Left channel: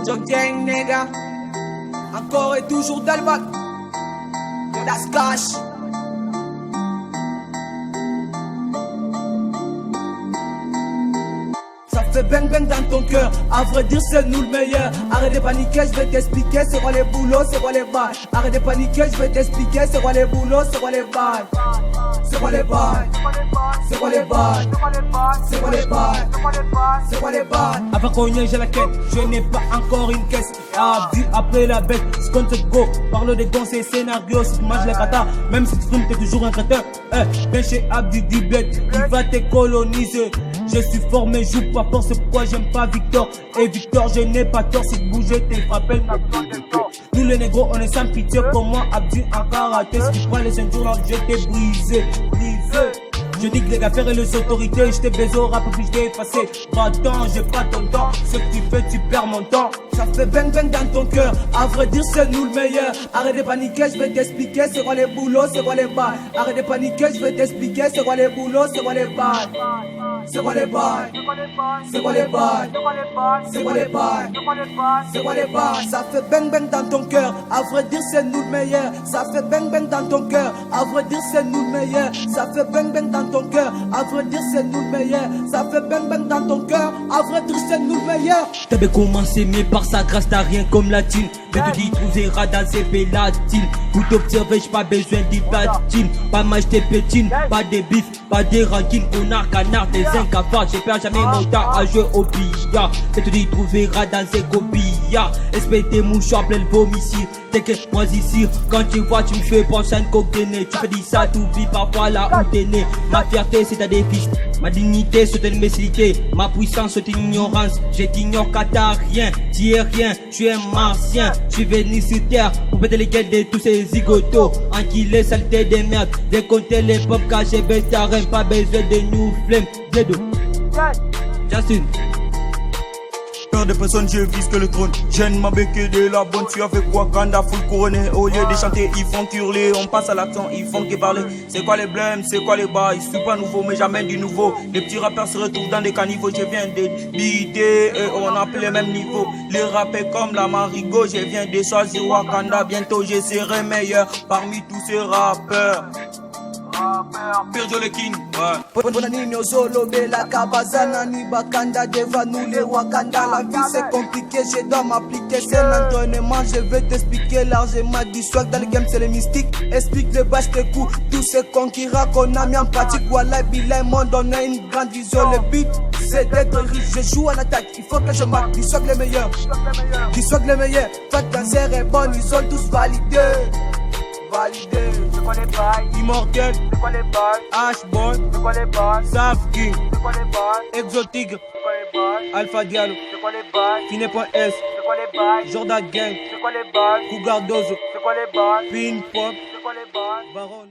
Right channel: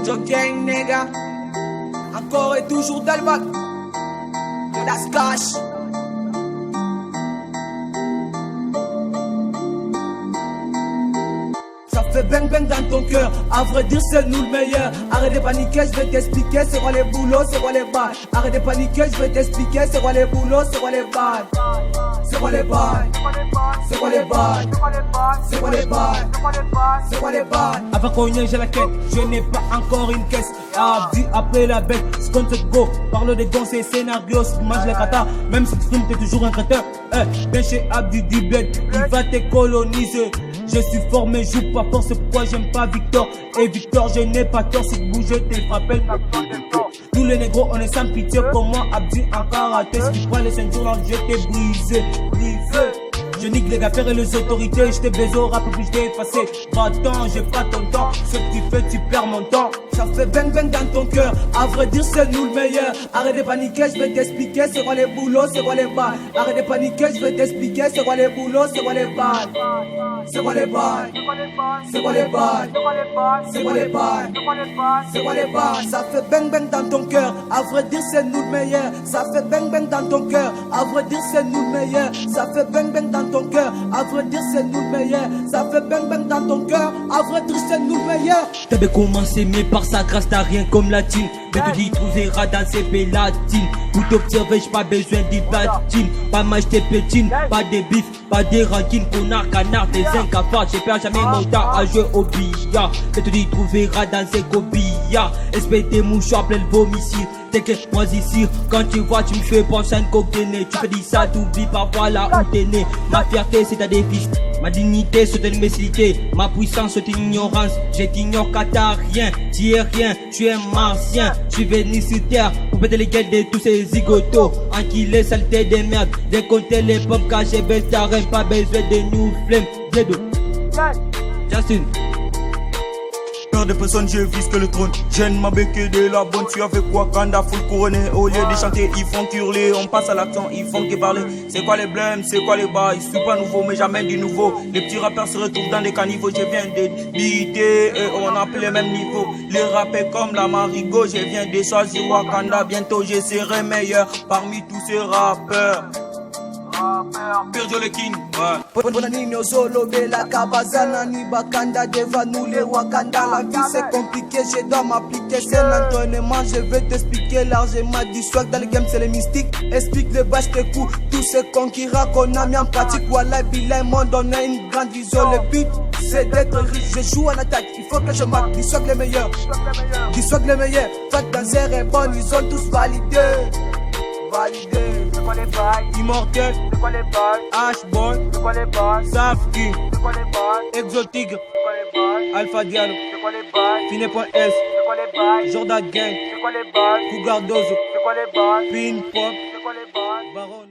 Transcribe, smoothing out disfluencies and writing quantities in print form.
Mojo Gang, nigga. Encore et toujours Dalbat. Das Cash. Ça fait bang bang dans ton cœur. À vrai dire, c'est nous le meilleur. Arrête de paniquer, je vais t'expliquer c'est quoi les boulots, c'est quoi les balles. Arrête de paniquer, je vais t'expliquer c'est quoi les boulots, c'est quoi les balles. C'est quoi les balles? C'est quoi les balles? C'est quoi les balles? C'est quoi les balles? Avant qu'on y ait, j'ai la quête, je n'ai pas encore une caisse. Abdi après la bête, ce qu'on te go. Parle des gons, c'est scénario, si tu manges les katas. Même si tu stream, t'es toujours un crétin. Viens chez Abdi du bled, il va te coloniser. Je suis fort mais joue pas fort, c'est pourquoi j'aime pas Victor. Et Victor, je n'ai pas tort, si tu bouges, t'es frappé. Nous les négros, on est sans pitié comme moi, Abdi en karaté. Si tu prends les ceintures là, je t'ai brisé. Je nique les gars, et les autorités, je t'ai baisé au rap puis je t'ai effacé. Va-t'en, j'ai pas ton temps, ce que tu fais, tu perds mon temps. Ça fait bang bang dans ton cœur, à vrai dire c'est nous le meilleur. Arrête de paniquer, je vais t'expliquer c'est quoi les boulots, c'est quoi les balles. Arrête de paniquer, je vais t'expliquer c'est quoi les boulots, c'est quoi les balles. C'est quoi les balles? C'est quoi les balles? C'est quoi les balles? C'est quoi les balles? Ça fait bang bang dans ton cœur, à vrai dire c'est nous le meilleur. Ça fait bang bang dans ton cœur, à vrai dire c'est nous le meilleur. Ça fait bang bang dans ton cœur, à vrai dire c'est nous le meilleur. Ça fait bang bang dans ton cœur, à vrai dire c'est nous le meilleur. T'avais commencé mais par sa grâce t'as rien comme la thune. Mais te dis trouveras dans ces pélatines. Pour t'observer j'ai pas besoin de platine. Pas m'acheter pétine, pas de bif, pas de rancune. Connard, canard, des incapables. J'ai perdu jamais mon temps à jouer au billard. Mais te dis trouveras dans ces gobillards. Espèce de mouchoir plein de vomissir. T'inquiète moi ici, quand tu vois tu me fais penser à une coque de nez. Tu fais dire ça, t'oublies parfois là où t'es né. Ma fierté c'est ta défice, ma dignité c'est une imbécilité. Ma puissance c'est une ignorance, je t'ignore car t'as rien. Tu es rien, tu es martien. Je suis venu sur terre pour péter les gueules de tous ces zigotos. Enquiller saleté des merdes, décompter les pommes cachées, baisse ta reine, pas besoin de nous flemmes. Dedo, Justin. Peur de personne, je vise que le trône. J'aime ma béquille de la bonne. Tu as fait quoi quand t'as full couronné? Au lieu de chanter, ils font hurler. On passe à l'action, ils font que parler. C'est quoi les blêmes, c'est quoi les bails? Je suis pas nouveau, mais j'amène du nouveau. Les petits rappeurs se retrouvent dans des caniveaux. Je viens de biter et on a plus les mêmes niveaux. Les rappeurs comme la Marigot, je viens de choisir Wakanda. Bientôt je serai meilleur parmi tous ces rappeurs. Pirjo le king, ouais. Bonanino Zolo, Bella, Kabazana, ni Bakanda, Deva, nous les Wakanda. La vie c'est compliqué, je dois m'appliquer. C'est l'entraînement, je vais t'expliquer largement. Du swag dans le game, c'est les mystiques. Explique le bas, je t'écoute. Tous ces cons qui qu'on a mis en pratique. Voilà, Bilay, mon donne une grande vision. Le but, c'est d'être riche. Je joue en attaque, il faut que je marque. Du swag les meilleurs, du swag les meilleurs. Fat Danzer est bon, ils ont tous validé. C'est quoi les bails? Immortel, C'est quoi les bails? Ashboy, C'est quoi les bails? Saf King, C'est quoi les bails? Exotique, C'est quoi les bails? Alpha Diallo, C'est quoi les bails? Fine.s, C'est quoi les bails? Jordan Gang, C'est quoi les bails? Cougar Dozo, C'est quoi les bails? Pin Pop, C'est quoi les bails? Baron.